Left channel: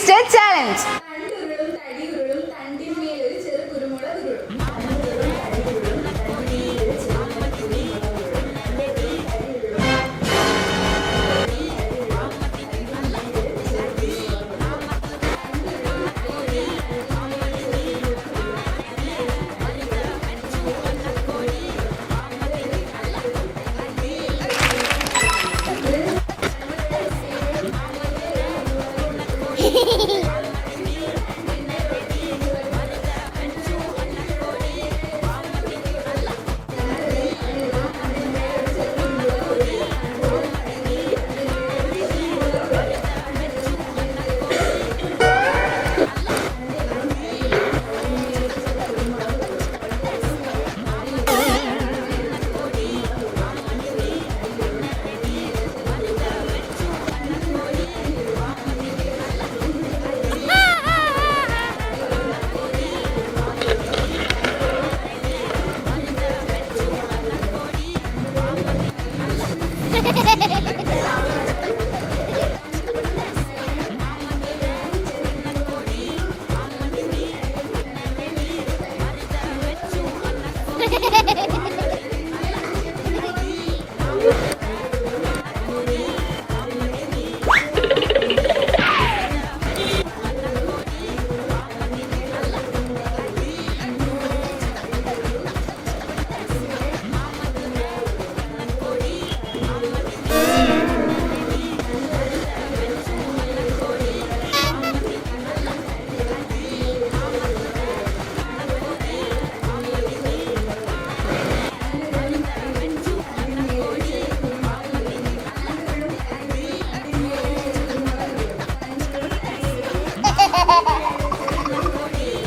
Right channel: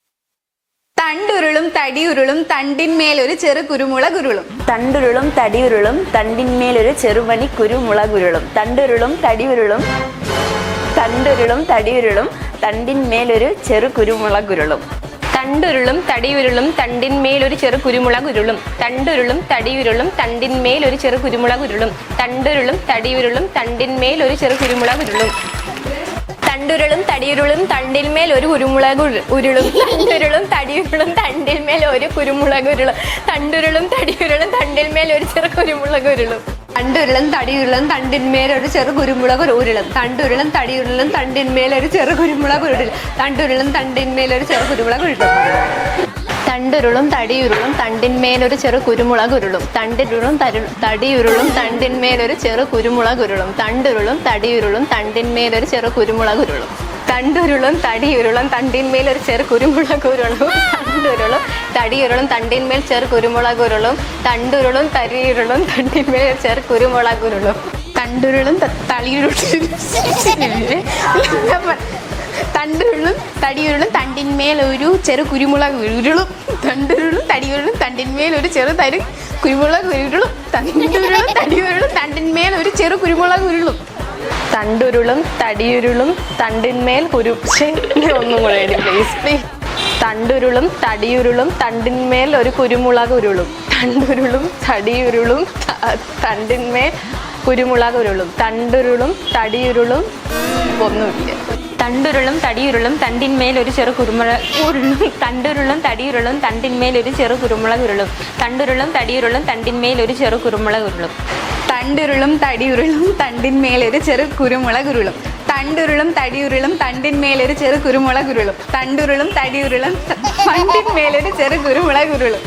Twisted challenge. തണ്ടുരുളും തടിയുരുളും തണ്ടിന്മേലൊരു ചെറു കുരുമുളകുരുളും. തണ്ടുരുളും തടിയുരുളും തണ്ടിന്മേലൊരു ചെറുമണി കുരുമുളകുരുളും. തണ്ടുരുളും തടിയുരുളും തണ്ടുരുളും തടിയുരുളും തണ്ടിന്മേലൊരു ചെറു കുരുമുളകുരുളും. തണ്ടുരുളും തടിയുരുളും തണ്ടിന്മേലൊരു ചെറു കുരുമുളകുരുളും. തണ്ടുരുളും തടിയുരുളും തണ്ടിന്മേലൊരു ചെറു കുരുമുളകുരുളും. തണ്ടുരുളും തടിയുരുളും തണ്ടിന്മേലൊരു ചെറു കുരുമുളകുരുളും. തണ്ടുരുളും തടിയുരുളും തണ്ടിന്മേൽ ഒരു കുരുമുളക് ഉരുളും. തണ്ടുരുളും തടിയുരുളും തണ്ടിന്മേൽ ഒരു കുരുമുളകുരുളും. തണ്ടുരുളും തടിയുരുളും തണ്ടിന്മേൽ ഒരു ചെറു കുരുമുളകുരുളും. തണ്ടുരുളും തടിയുരുളും തണ്ടിന്മേൽ ഒരു ചെറു കുരുമുളക് ഉരുളും. തണ്ടുരുളും തടിയുരുളും തണ്ടിന്മേൽ ഒരു ചെറു കുരുമുളക് ഉരുളും. തണ്ടുരുളും തണ്ടിന്മേൽ ഒരു ചെറു കുരുമുളക് ഉരുളും. തണ്ടുരുളും തടിയുരുളും തണ്ടിന്മേലൊരു ചെറു കുരുമുളകുരുളും. തണ്ടിരുളും തടിയുരുളും തണ്ടിന്മേലൊരു ചെറു കുരുമുളകുരുളും. തണ്ടുരുളും തടിയുരുളും തണ്ടിന്മേലൊരു ചെറു കുരുമുളകുരുളും. തണ്ടുരുളും തടിയുരുളും തണ്ടിന്മേലൊരു ചെറു കുരുമുളകുരുളും. തണ്ടുരുളും തടിയുരുളും തണ്ടിന്മേൽ ചെറു കുരുമുളകുരുളും. തണ്ടുരുളും തടിയുരുളും തണ്ടിന്മേൽ ചെറു കുരുമുളകുരുളും. തണ്ടുരുളും തളിയുരുളും തണ്ടുരുളും തടിയുരുളും തണ്ടിന്മേൽ ഒരു ചെറു കുരുമുളക് ഉരുളും. തണ്ടുരുളും തടിയുരുളും തണ്ടിന്മേൽ ഒരു ചെറു കുരുമുളക് ഉരുളും. തണ്ടുരുളും തടിയുരുളും തണ്ടിന്മേൽ ഒരു ചെറു കുരുമുളക് ഉരുളും. തണ്ടുരുളും തടിയുരുളും തണ്ടിന്മേൽ തണ്ടുരുളും തടിയുരുളും തണ്ടിന്മേൽ ഒരു കുരുമുളക് ഉരുളും. തണ്ടുരുളും തടിയുരുളും തണ്ടിന്മേൽ കുരുമുളക് ഉരുളും. തണ്ടുരുളും തടിയുരുളും തണ്ടുരുളും തടിയുരുളും തണ്ടിന്മേൽ ഒരു ചെറു കുരുമുളക് ഉരുളും. തണ്ടുരുളും തടിയുരുളും തണ്ടിന്മേൽ ഒരു ചെറു കുരുമുളക് ഉരുളും. തണ്ടുരുളും തടിയുരുളും തണ്ടിന്മേൽ ഒരു ചെറു കുരുമുളക് ഉരുളും. തണ്ടുരുളും തടിയുരുളും തണ്ടിന്മേൽ ഒരു ചെറു കുരുമുളക് ഉരുളും. തണ്ടുരുളും തടിയുരുളും തണ്ടിന്മേൽ ഒരു ചെറു കുരുമുളക് ഉരുളും. തണ്ടുരുളും തടിയുരുളും തണ്ടിന്മേൽ ഒരു ചെറു കുരുമുളക് ഉരുളും.